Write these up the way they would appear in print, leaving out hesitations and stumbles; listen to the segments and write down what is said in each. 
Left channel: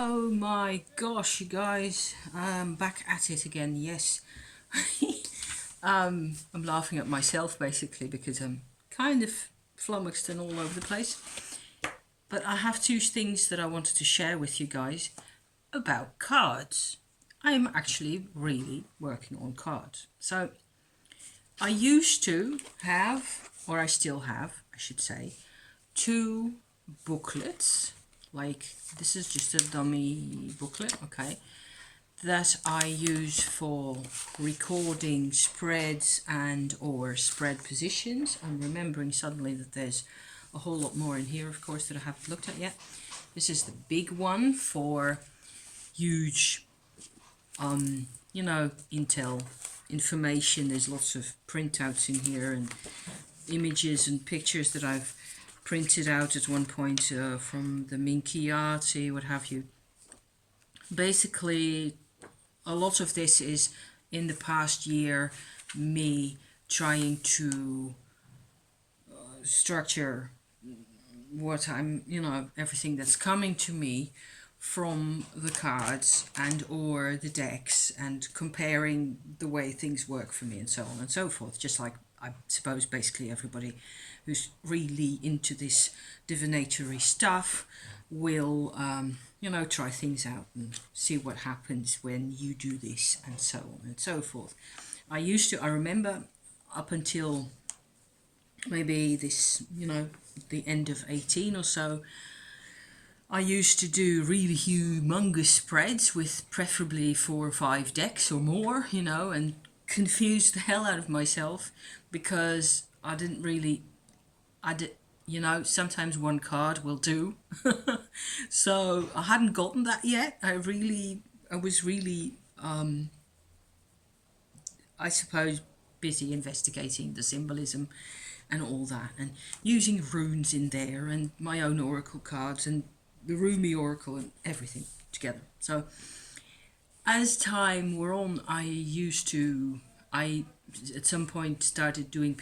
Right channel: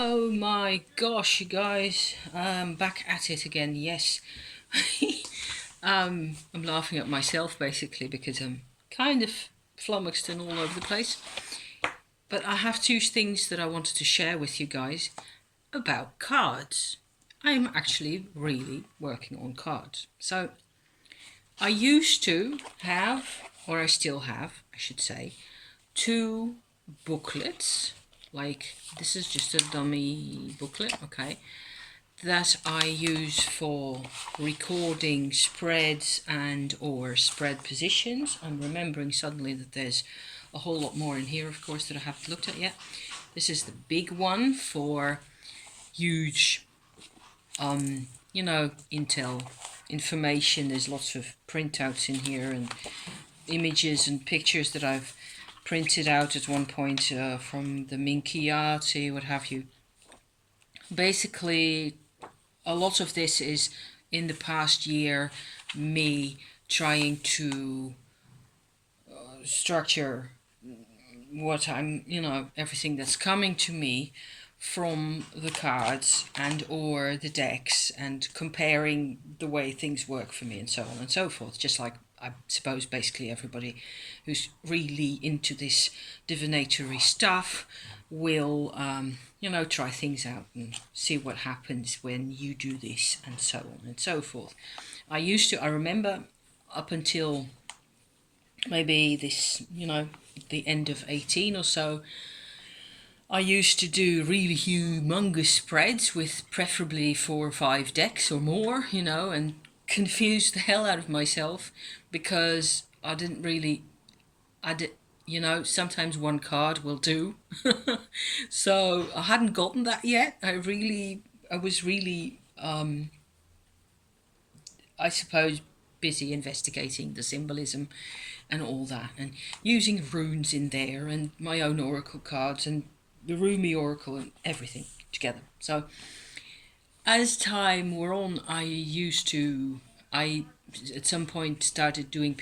Oh my gosh, you guys, I'm back at it again. Yes. I'm laughing at myself basically because I'm kind of flummoxed and all over the place. But I have two things that I wanted to share with you guys about cards. I'm actually really working on cards. So I used to have, or I still have, I should say, two booklets. Like, this is just a dummy booklet, okay, that I use for recording spreads and or spread positions. I'm remembering suddenly that there's a whole lot more in here, of course, that I haven't looked at yet. This is the big one for huge, Intel information. There's lots of printouts in here and images and pictures that I've printed out at one point from the Minchiati, what have you. Basically, a lot of this is in the past year me trying to structure what everything that's coming to me from the cards and or the decks, and comparing the way things work for me and so on and so forth, just like I suppose basically everybody who's really into this divinatory stuff will try things out and see what happens when you do this and so on and so forth. I remember up until maybe this, the end of 18 or so, I used to do really humongous spreads with preferably 4 or 5 decks or more, and confuse the hell out of myself because I did, sometimes one card will do. So I hadn't gotten that yet. I was really, I suppose, busy investigating the symbolism and all that, and using runes in there, and my own oracle cards, and the Rumi oracle, and everything together. So as time wore on, I at some point started doing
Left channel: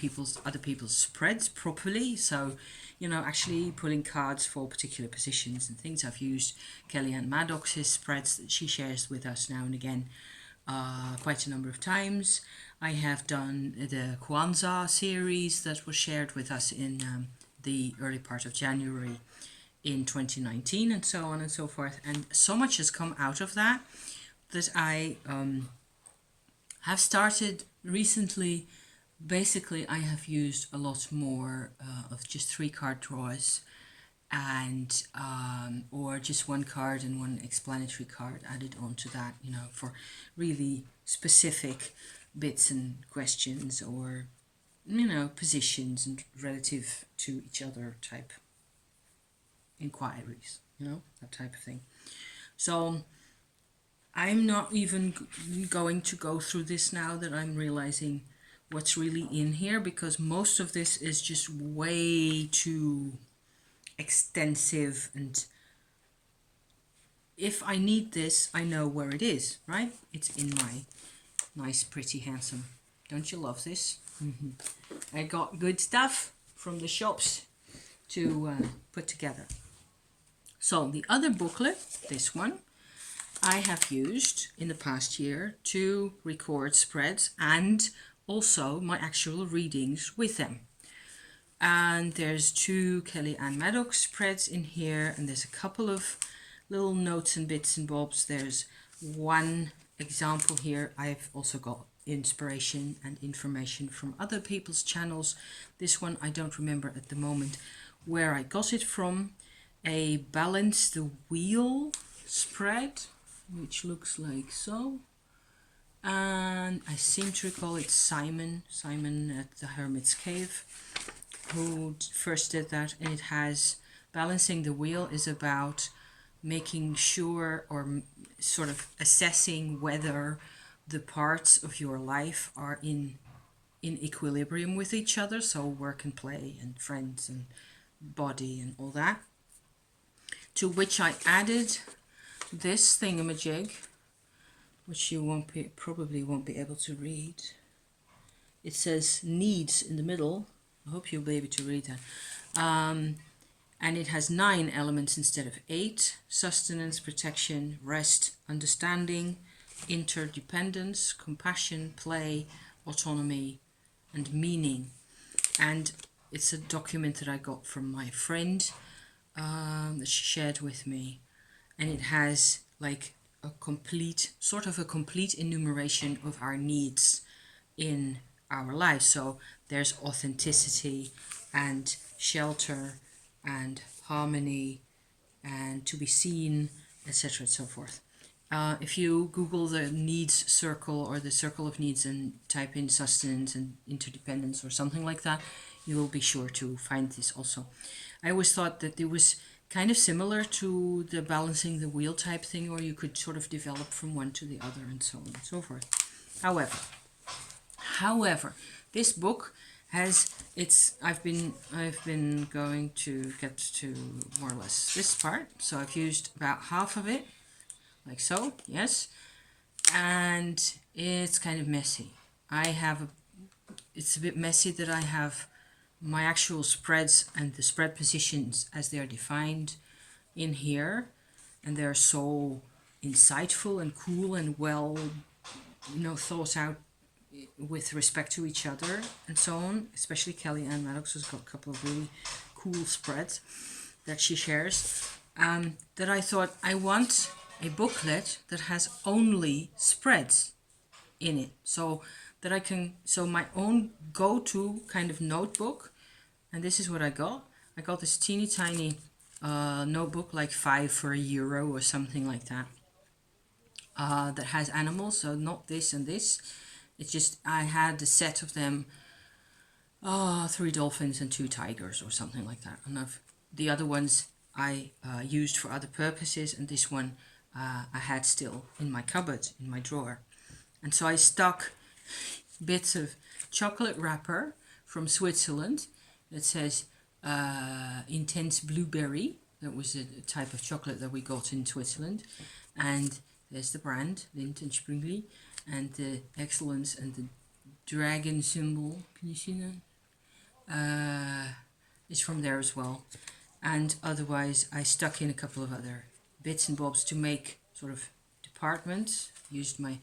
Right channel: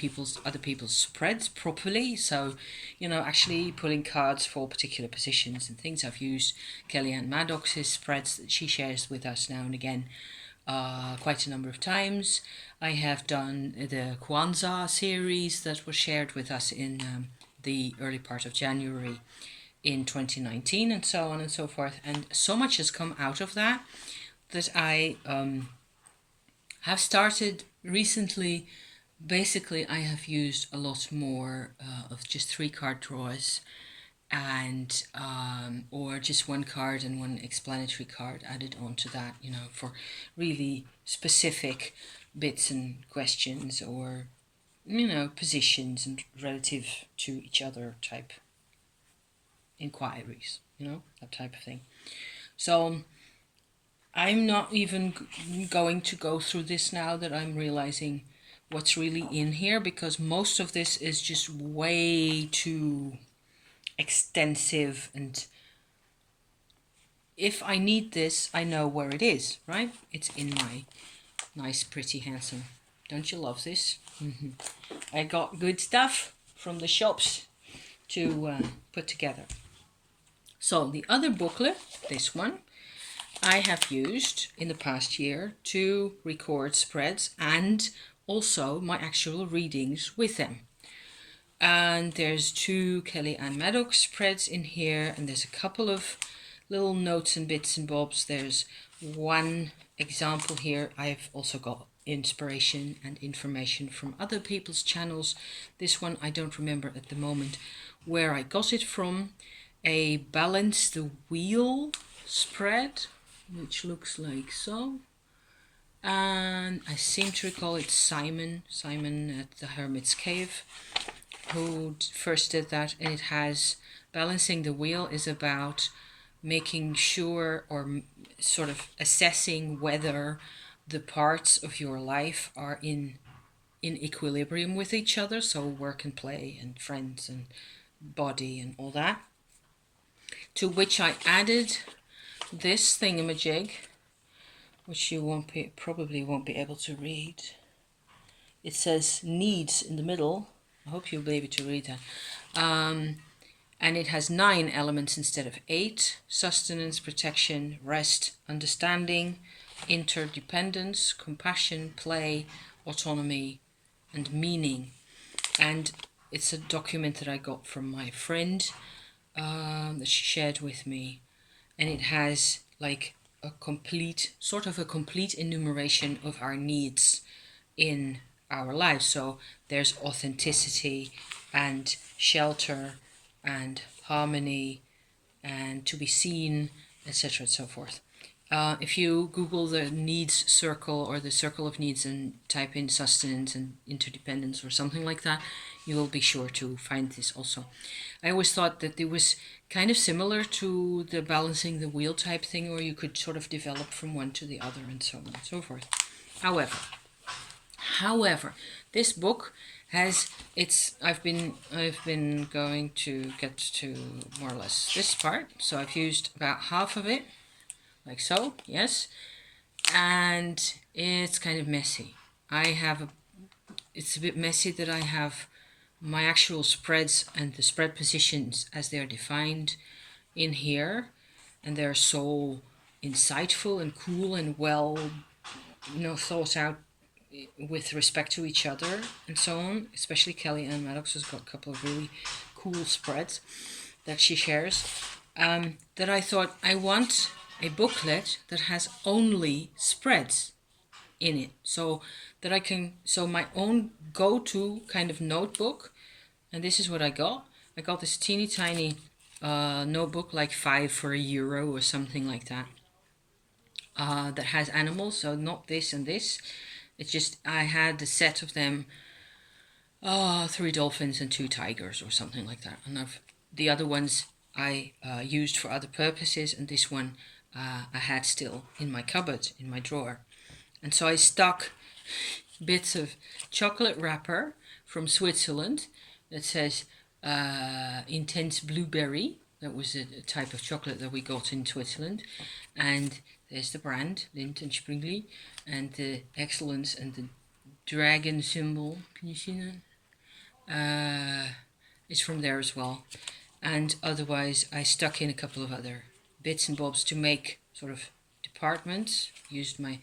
other people's spreads properly. So, actually pulling cards for particular positions and things. I've used Kellyanne Maddox's spreads that she shares with us now and again quite a number of times. I have done the Kwanzaa series that was shared with us in the early part of January in 2019, and so on and so forth. And so much has come out of that I have started recently. Basically, I have used a lot more of just 3 card draws, and or just one card and one explanatory card added onto that, for really specific bits and questions, or positions and relative to each other type inquiries, that type of thing. So I'm not even going to go through this now that I'm realizing what's really in here, because most of this is just way too extensive, and if I need this, I know where it is, right? It's in my nice, pretty, handsome. Don't you love this? I got good stuff from the shops to put together. So the other booklet, this one, I have used in the past year to record spreads and also my actual readings with them. And there's 2 Kellyanne Maddox spreads in here, and there's a couple of little notes and bits and bobs. There's one example here. I've also got inspiration and information from other people's channels. This one I don't remember at the moment where I got it from. A balance the wheel spread, which looks like so. And I seem to recall it's Simon at the Hermit's Cave who first did that, and it has balancing the wheel is about making sure, or sort of assessing whether the parts of your life are in equilibrium with each other, so work and play and friends and body and all that, to which I added this thingamajig, which you probably won't be able to read. It says needs in the middle. I hope you'll be able to read that. And it has 9 elements instead of 8: sustenance, protection, rest, understanding, interdependence, compassion, play, autonomy, and meaning. And it's a document that I got from my friend that she shared with me, and it has like a complete enumeration of our needs in our lives. So there's authenticity and shelter and harmony and to be seen, etc. and so forth. If you Google the needs circle or the circle of needs and type in sustenance and interdependence or something like that, you will be sure to find this also. I always thought that it was kind of similar to the balancing the wheel type thing, or you could sort of develop from one to the other and so on and so forth. However, this book has I've been going to get to more or less this part, so I've used about half of it, like so, yes, and it's kind of messy. It's a bit messy that I have my actual spreads and the spread positions as they're defined in here, and they're so insightful and cool and well, thought out with respect to each other and so on. Especially Kelly Ann Maddox has got a couple of really cool spreads that she shares, that I thought I want a booklet that has only spreads in it, so that my own go-to kind of notebook. And this is what I got. I got this teeny tiny notebook, like €5 for €1 or something like that, that has animals, so not this and this. It's just, I had a set of them, 3 dolphins and 2 tigers or something like that. And the other ones I used for other purposes, and this one I had still in my cupboard, in my drawer. And so I stuck bits of chocolate wrapper from Switzerland that says intense blueberry. That was a type of chocolate that we got in Switzerland. And there's the brand, Lindt and Sprüngli, and the excellence and the dragon symbol. Can you see that? It's from there as well. And otherwise, I stuck in a couple of other bits and bobs to make sort of departments. Used my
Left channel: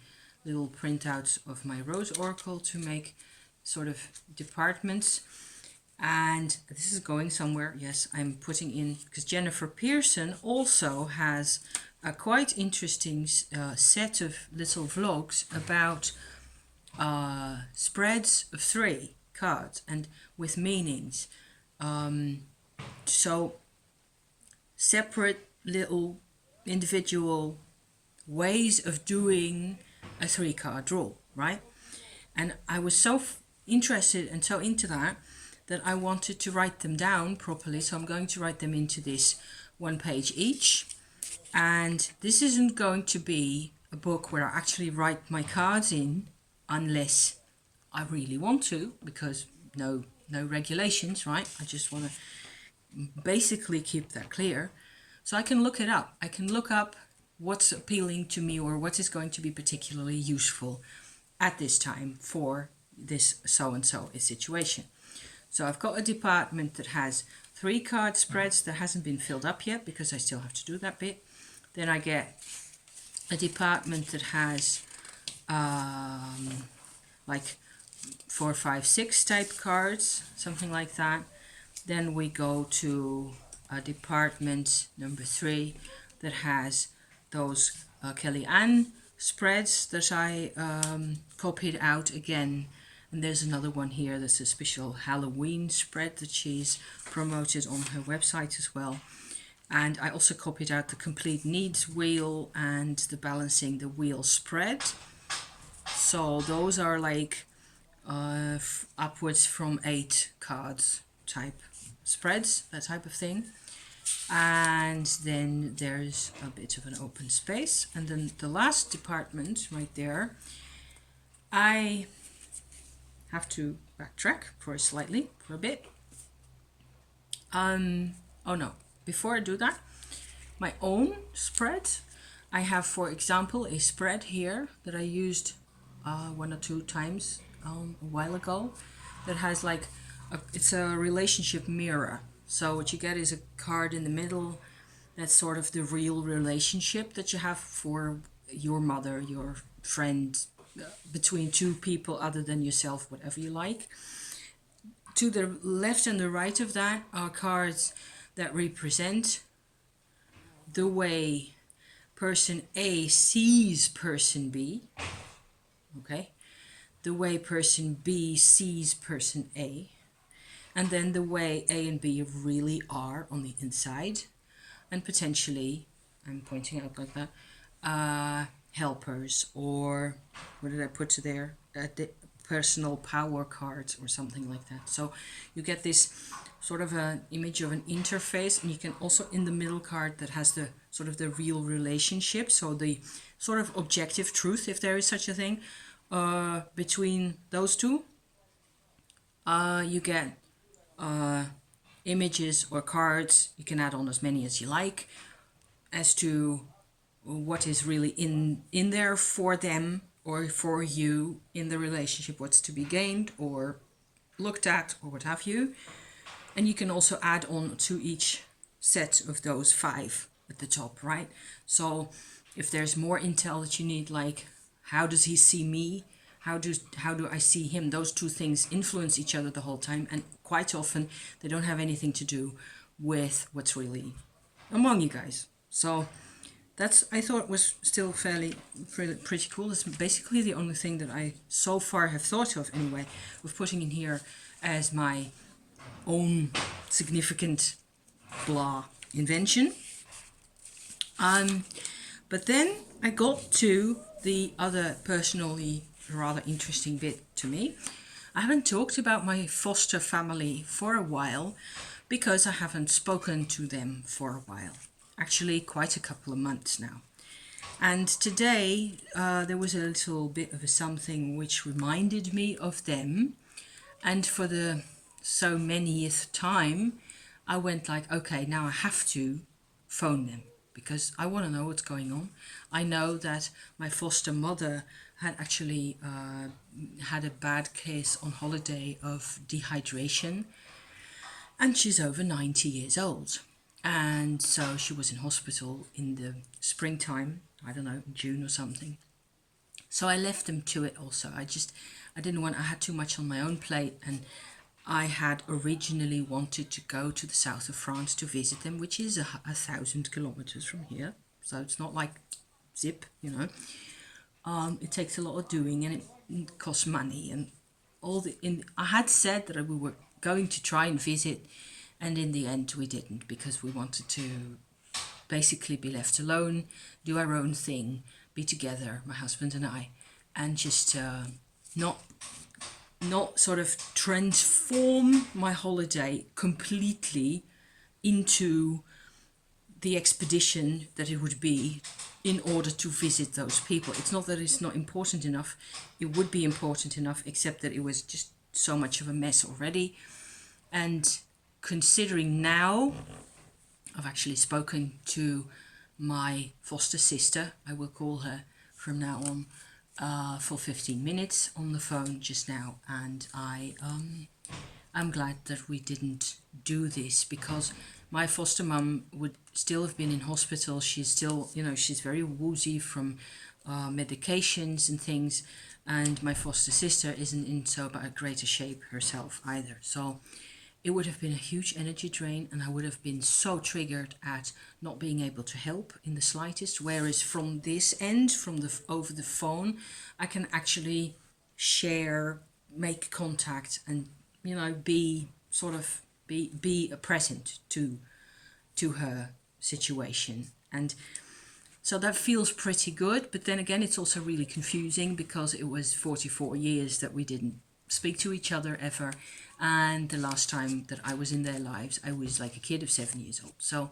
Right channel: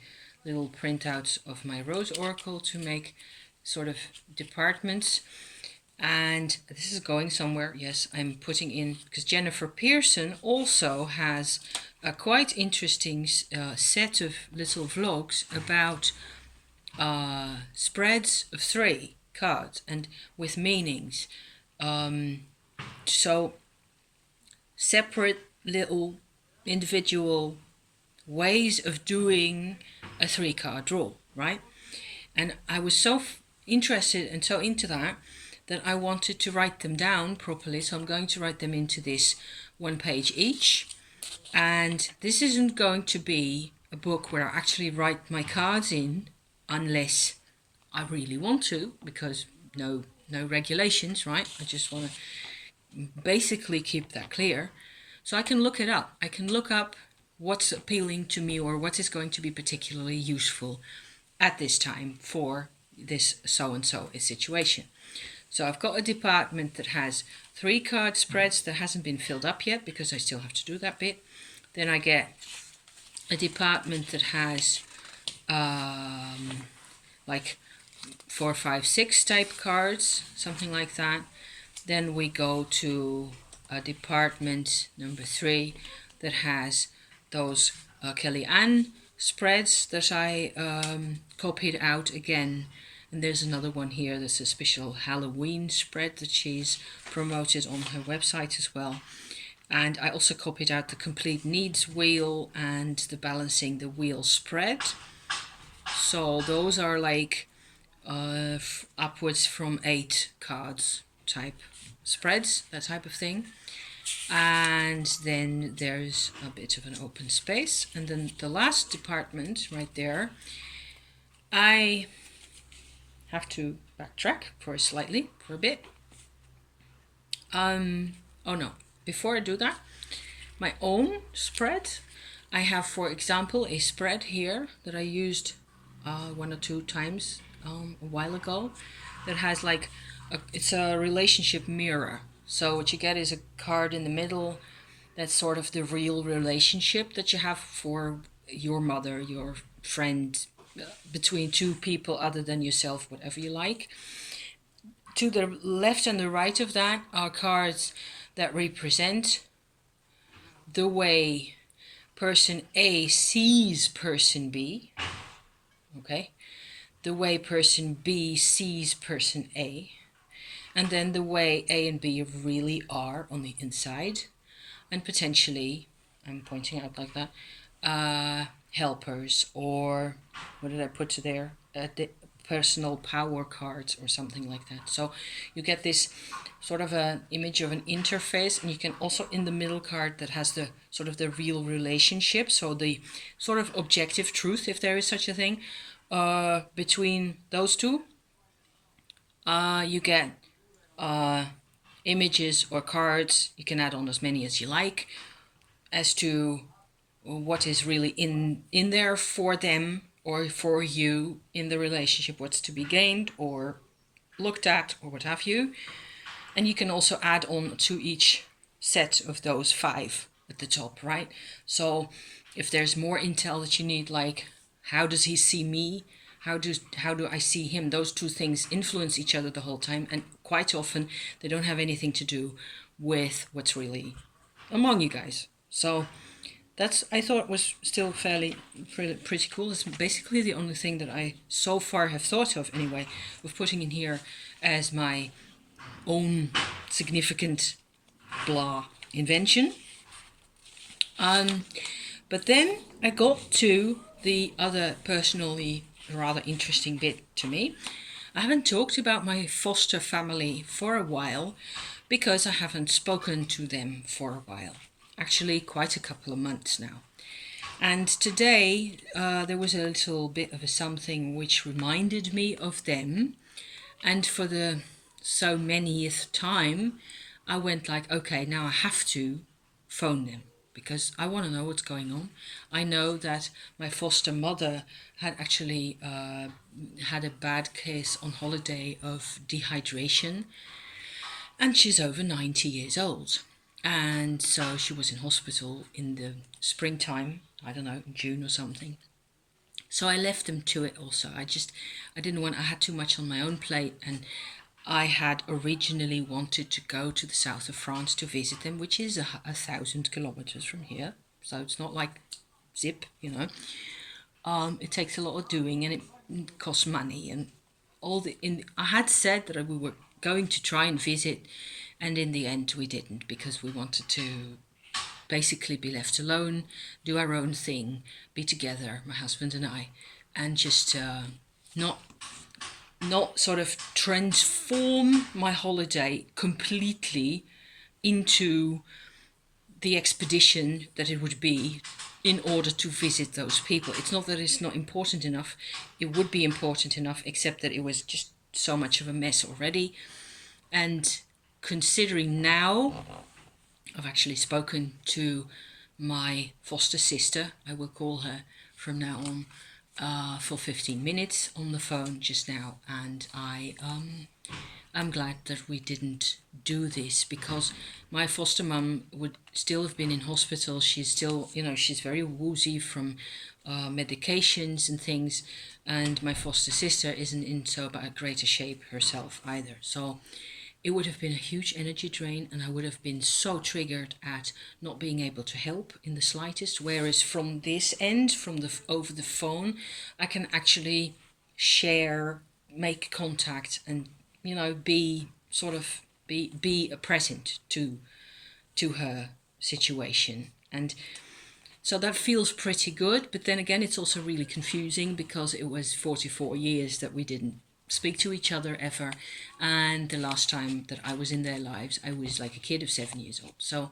little printouts of my Rose Oracle to make sort of departments. And this is going somewhere. Yes, I'm putting in, because Jennifer Pearson also has a quite interesting set of little vlogs about spreads of 3 cards and with meanings. So separate little individual ways of doing a 3-card draw, right? And I was so interested and so into that I wanted to write them down properly. So I'm going to write them into this 1 page each. And this isn't going to be a book where I actually write my cards in unless I really want to, because no regulations, right? I just want to basically keep that clear. So I can look it up. I can look up what's appealing to me or what is going to be particularly useful at this time for this so-and-so situation. So I've got a department that has 3 card spreads that hasn't been filled up yet because I still have to do that bit. Then I get a department that has like 4, 5, 6 type cards, something like that. Then we go to a department number 3 that has those Kelly Ann spreads that I copied out again. And there's another one here that's a special Halloween spread that she's promoted on her website as well. And I also copied out the complete needs wheel and the balancing the wheel spread. So those are like upwards from 8 cards type spreads, that type of thing. And then there's a bit of an open space. And then the last department right there, I have to backtrack for a bit. Oh no, before I do that, my own spread, I have, for example, a spread here that I used 1 or 2 times a while ago that has like it's a relationship mirror. So what you get is a card in the middle that's sort of the real relationship that you have for your mother, your friend, between two people other than yourself, whatever you like. To the left and the right of that are cards that represent the way person A sees person B, okay? The way person B sees person A, and then the way A and B really are on the inside, and potentially, I'm pointing out like that, helpers, or what did I put to there? The personal power cards or something like that. So you get this sort of an image of an interface, and you can also in the middle card that has the sort of the real relationship, so the sort of objective truth, if there is such a thing, between those two. You get images or cards. You can add on as many as you like as to what is really in there for them or for you in the relationship, what's to be gained or looked at or what have you. And you can also add on to each set of those 5 at the top, right? So if there's more intel that you need, like how does he see me, how do I see him, those two things influence each other the whole time, and quite often they don't have anything to do with what's really among you guys. So that's, I thought, was still fairly pretty cool. It's basically the only thing that I so far have thought of anyway, of putting in here as my own significant blah invention. But then I got to the other personally rather interesting bit to me. I haven't talked about my foster family for a while because I haven't spoken to them for a while. Actually, quite a couple of months now. And today there was a little bit of a something which reminded me of them. And for the so manyth time, I went like, okay, now I have to phone them because I want to know what's going on. I know that my foster mother had actually had a bad case on holiday of dehydration, and she's over 90 years old. And so she was in hospital in the springtime, I don't know, June or something. So I left them to it also. I didn't want, I had too much on my own plate, and I had originally wanted to go to the south of France to visit them, which is 1,000 kilometers from here. So it's not like zip, you know. It takes a lot of doing, and it costs money and all the. I had said that we were going to try and visit, and in the end we didn't because we wanted to basically be left alone, do our own thing, be together, my husband and I, and just not sort of transform my holiday completely into the expedition that it would be in order to visit those people. It's not that it's not important enough. It would be important enough, except that it was just so much of a mess already. And considering now, I've actually spoken to my foster sister, I will call her from now on, for 15 minutes on the phone just now, and I'm glad that we didn't do this because my foster mum would still have been in hospital. She's still, she's very woozy from medications and things, and my foster sister isn't in so great a shape herself either. So it would have been a huge energy drain, and I would have been so triggered at not being able to help in the slightest. Whereas from this end, over the phone, I can actually share, make contact, and be a present to her situation. And so that feels pretty good. But then again, it's also really confusing because it was 44 years that we didn't speak to each other ever, and the last time that I was in their lives I was like a kid of 7 years old, so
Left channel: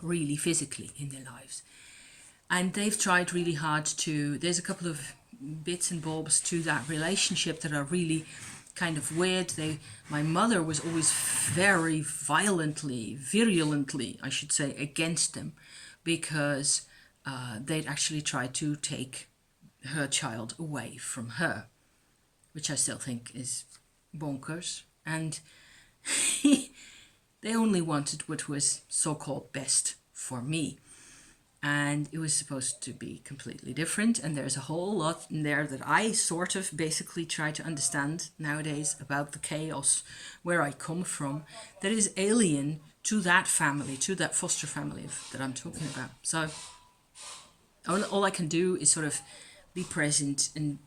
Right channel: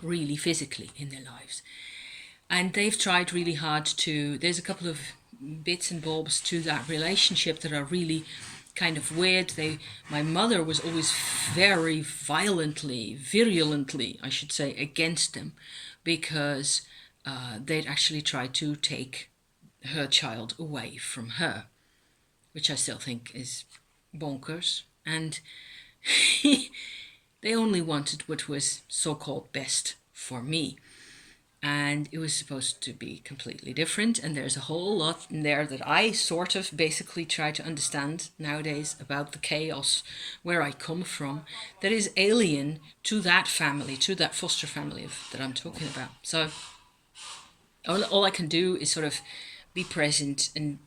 really physically in their lives. And they've tried really hard to, there's a couple of bits and bobs to that relationship that are really kind of weird. My mother was always very virulently I should say, against them because they'd actually tried to take her child away from her, which I still think is bonkers. And They only wanted what was so-called best for me. And it was supposed to be completely different. And there's a whole lot in there that I sort of basically try to understand nowadays about the chaos where I come from that is alien to that family, to that foster family that I'm talking about. So all I can do is sort of be present and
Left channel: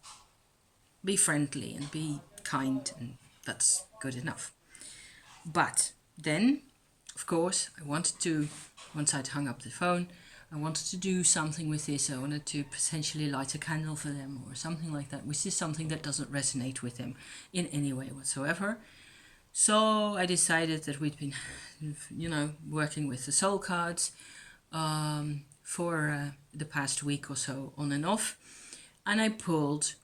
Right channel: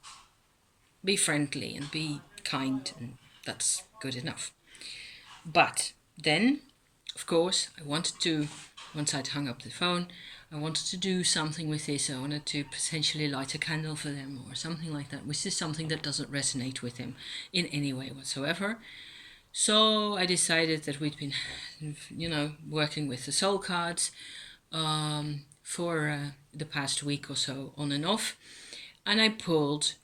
be friendly and be kind, and that's good enough. But then, of course, once I'd hung up the phone, I wanted to do something with this. I wanted to potentially light a candle for them or something like that, which is something that doesn't resonate with them in any way whatsoever. So I decided that we'd been, working with the soul cards for the past week or so, on and off. And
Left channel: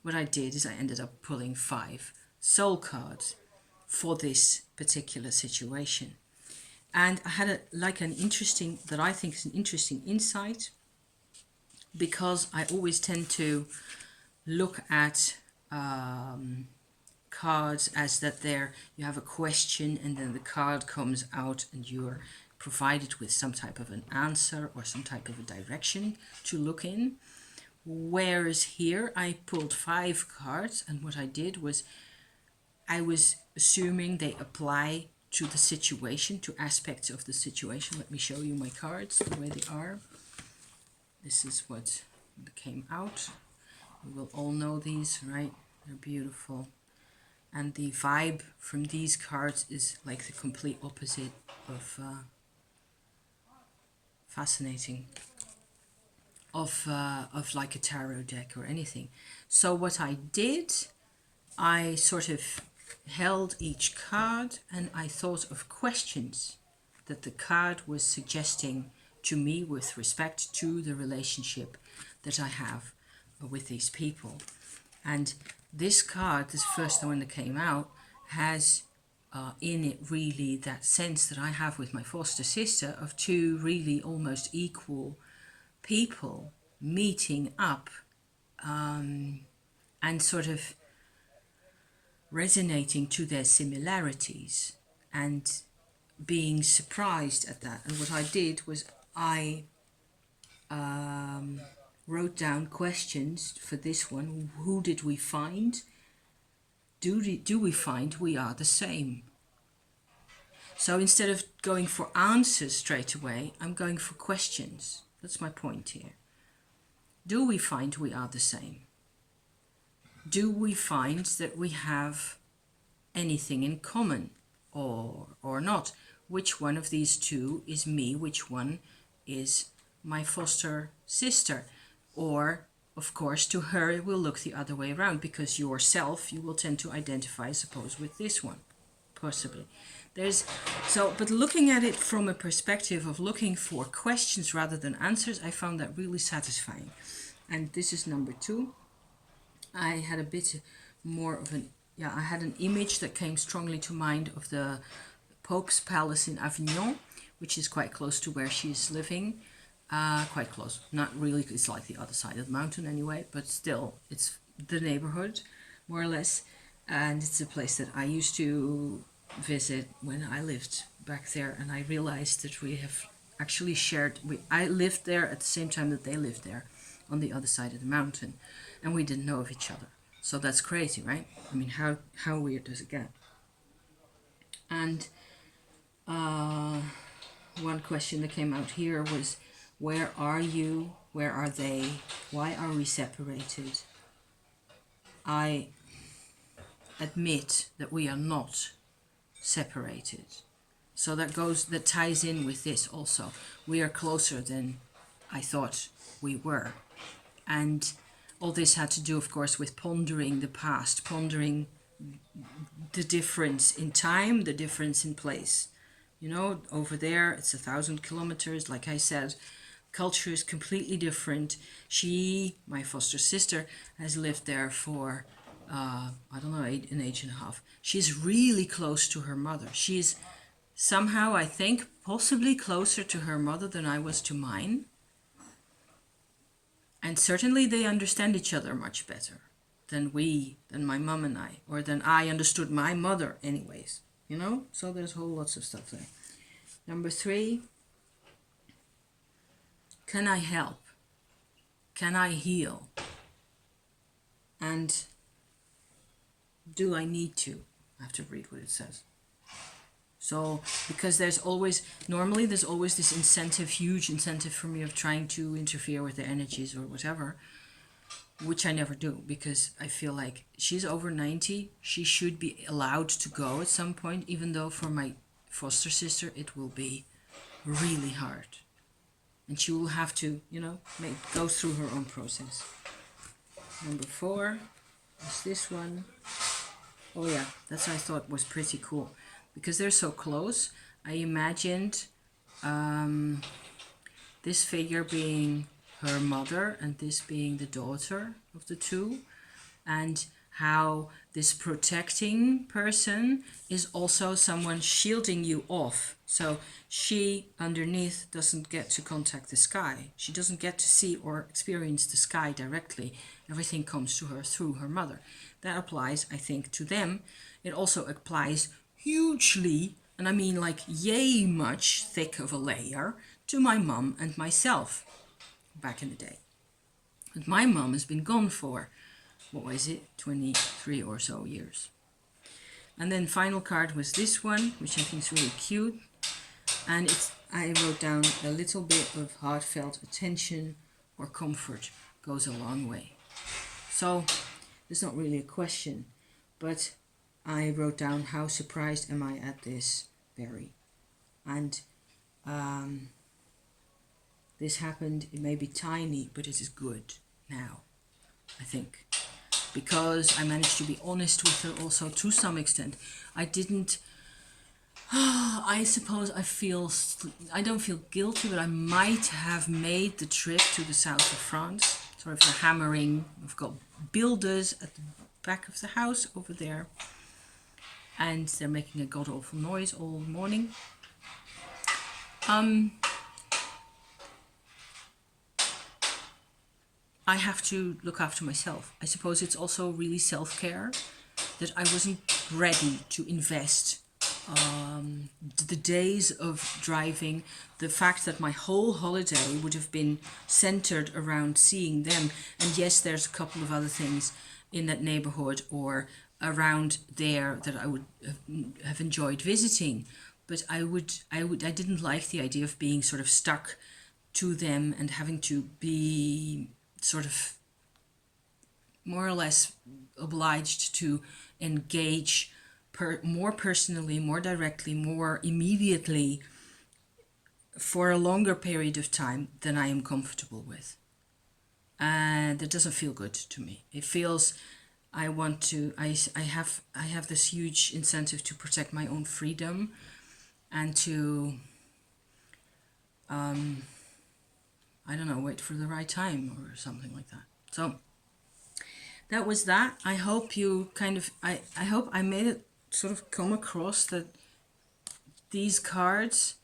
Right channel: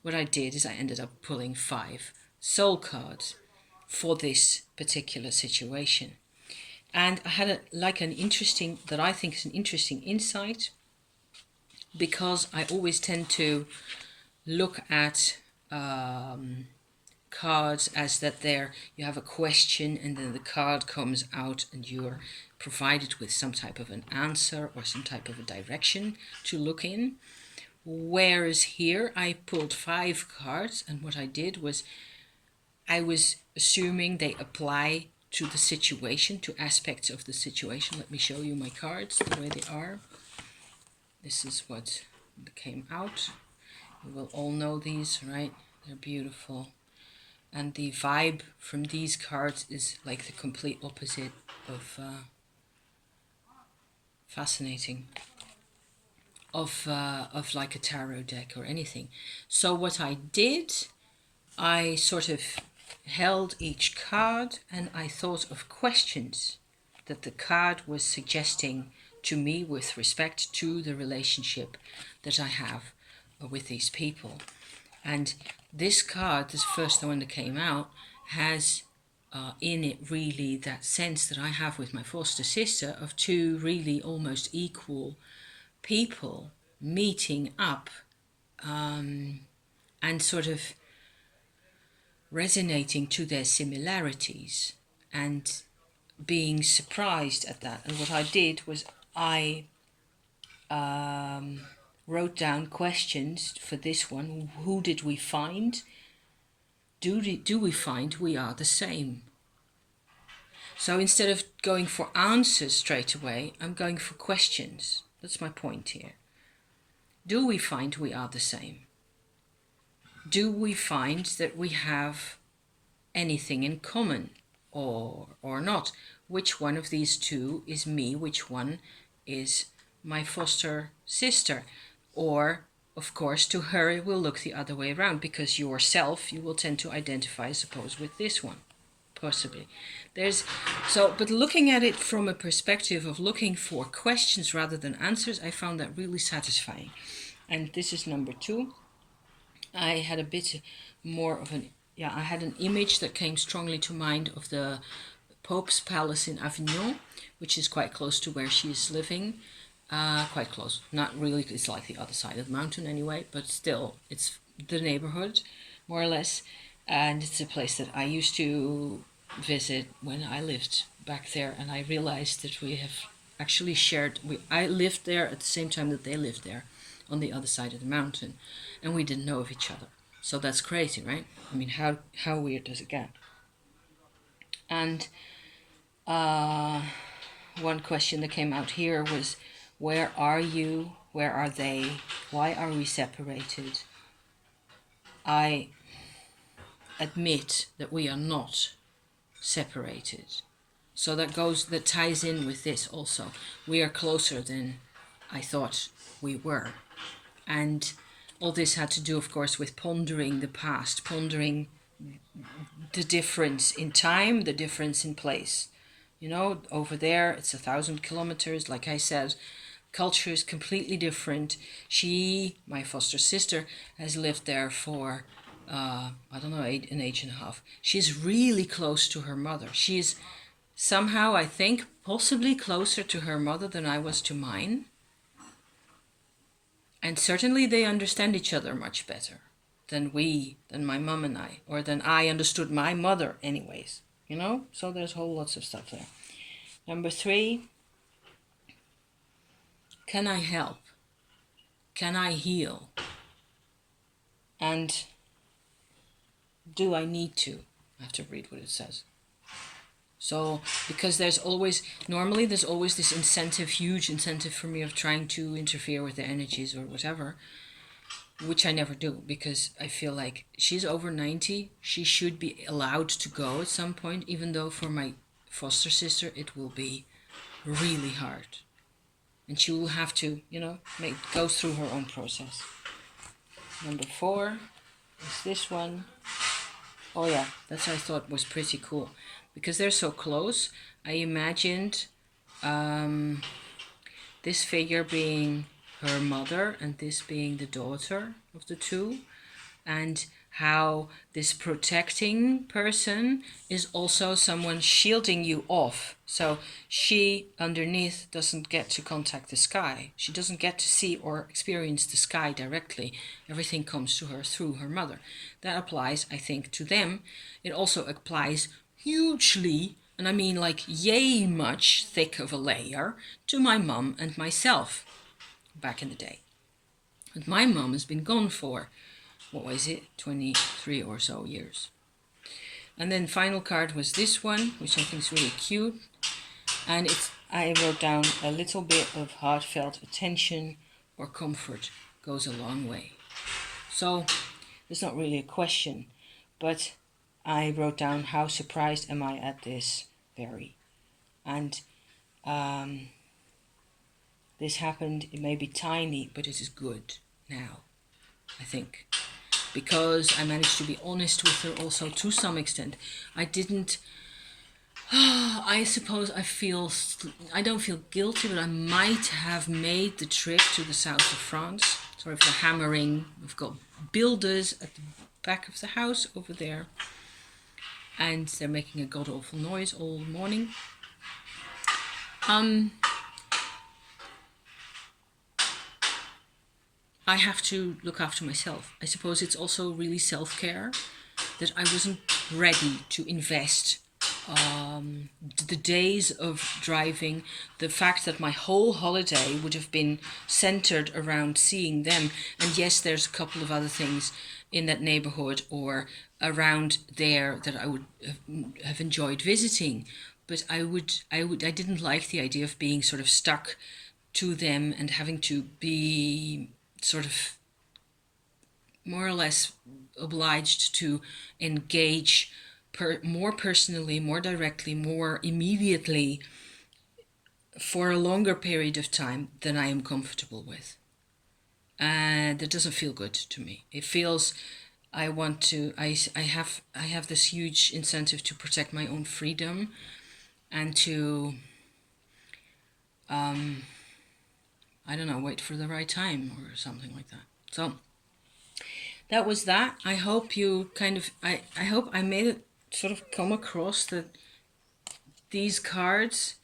what I did is I ended up pulling 5 soul cards for this particular situation. And I had an interesting insight, because I always tend to look at cards as that you have a question and then the card comes out and you're provided with some type of an answer or some type of a direction to look in. Whereas here I pulled 5 cards, and what I did was I was assuming they apply to the situation, to aspects of the situation. Let me show you my cards the way they are. This is what came out. You will all know these, right? They're beautiful. And the vibe from these cards is like the complete opposite of fascinating, of like a tarot deck or anything. So what I did, I sort of held each card and I thought of questions that the card was suggesting to me with respect to the relationship that I have with these people. And this card, this first one that came out, has in it really that sense that I have with my foster sister of 2 really almost equal people meeting up and sort of resonating to their similarities and being surprised at that. And what I did was I wrote down questions for this one. Who did we find? Do we find we are the same? So instead of going for answers straight away, I'm going for questions. That's my point here. Do we find we are the same? Do we find that we have anything in common or not? Which one of these 2 is me? Which one is my foster sister? Or, of course, to her it will look the other way around, because you will tend to identify, I suppose, with this one, possibly. But looking at it from a perspective of looking for questions rather than answers, I found that really satisfying. And this is number 2. I had a bit more of I had an image that came strongly to mind of the Pope's Palace in Avignon, which is quite close to where she is living. Quite close, not really, it's like the other side of the mountain anyway, but still, it's the neighborhood, more or less. And it's a place that I used to visit when I lived back there, and I realized that we have actually I lived there at the same time that they lived there, on the other side of the mountain, and we didn't know of each other. So that's crazy, right? I mean, how weird does it get? And one question that came out here was, where are you? Where are they? Why are we separated? I admit that we are not separated. So that ties in with this also. We are closer than I thought we were. And all this had to do, of course, with pondering the past, pondering the difference in time, the difference in place. Over there, it's 1,000 kilometers, like I said. Culture is completely different. She, my foster sister, has lived there for, an age and a half. She's really close to her mother. She's somehow, I think, possibly closer to her mother than I was to mine. And certainly they understand each other much better than my mom and I, or than I understood my mother anyways, So there's lots of stuff there. Number 3, can I help? Can I heal? And do I need to? I have to read what it says. So, because normally there's always this incentive, huge incentive for me of trying to interfere with the energies or whatever, which I never do, because I feel like she's over 90. She should be allowed to go at some point, even though for my foster sister it will be really hard. And she will have to, go through her own process. Number 4 is this one. Oh yeah, that's what I thought was pretty cool. Because they're so close, I imagined this figure being her mother and this being the daughter of the two, and how this protecting person is also someone shielding you off. So she underneath doesn't get to contact the sky. She doesn't get to see or experience the sky directly. Everything comes to her through her mother. That applies, I think, to them. It also applies hugely, and I mean like yay much thick of a layer, to my mum and myself back in the day. And my mum has been gone for, what was it, 23 or so years. And then final card was this one, which I think is really cute. And I wrote down a little bit of heartfelt attention or comfort goes a long way. So there's not really a question, but I wrote down, how surprised am I at this? Very. And this happened, it may be tiny, but it is good now, I think. Because I managed to be honest with her also to some extent. I didn't, I suppose I don't feel guilty, but I might have made the trip to the south of France. Sorry for the hammering. We've got builders at the back of the house over there. And they're making a god-awful noise all morning. I have to look after myself. I suppose it's also really self-care that I wasn't ready to invest the days of driving, the fact that my whole holiday would have been centered around seeing them. And yes, there's a couple of other things in that neighborhood or around there that I would have enjoyed visiting, but I didn't like the idea of being sort of stuck to them and having to be sort of more or less obliged to engage more personally, more directly, more immediately for a longer period of time than I am comfortable with. And that doesn't feel good to me. It feels I have this huge incentive to protect my own freedom and to I don't know, wait for the right time or something like that. So that was that. I hope you I hope I made it sort of come across that these cards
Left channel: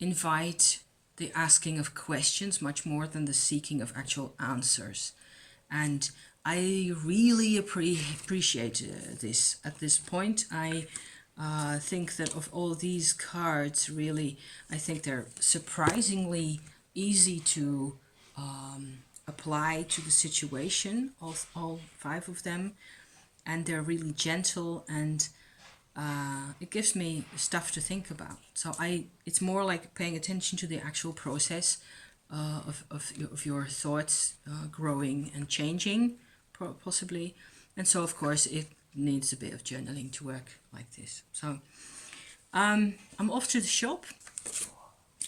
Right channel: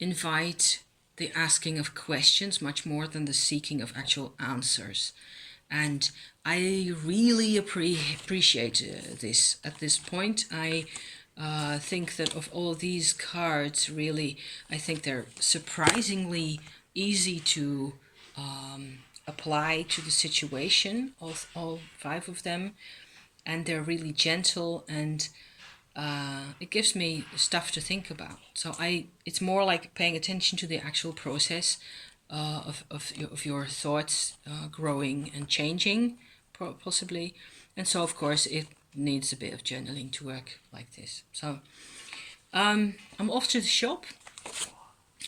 invite the asking of questions much more than the seeking of actual answers. And I really appreciate this at this point. I think that of all these cards, really, I think they're surprisingly easy to apply to the situation, all 5 of them. And they're really gentle, and it gives me stuff to think about. So it's more like paying attention to the actual process of your thoughts growing and changing, possibly. And so, of course, it needs a bit of journaling to work like this. So I'm off to the shop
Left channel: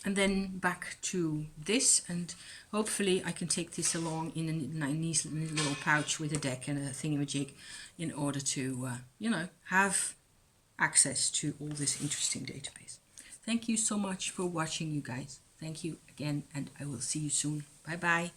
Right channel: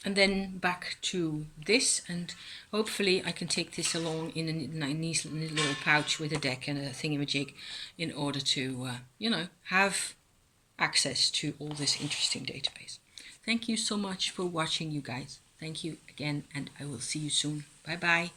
and then back to this, and hopefully I can take this along in a nice little pouch with a deck and a thingamajig in order to, have access to all this interesting database. Thank you so much for watching, you guys. Thank you again, and I will see you soon. Bye bye.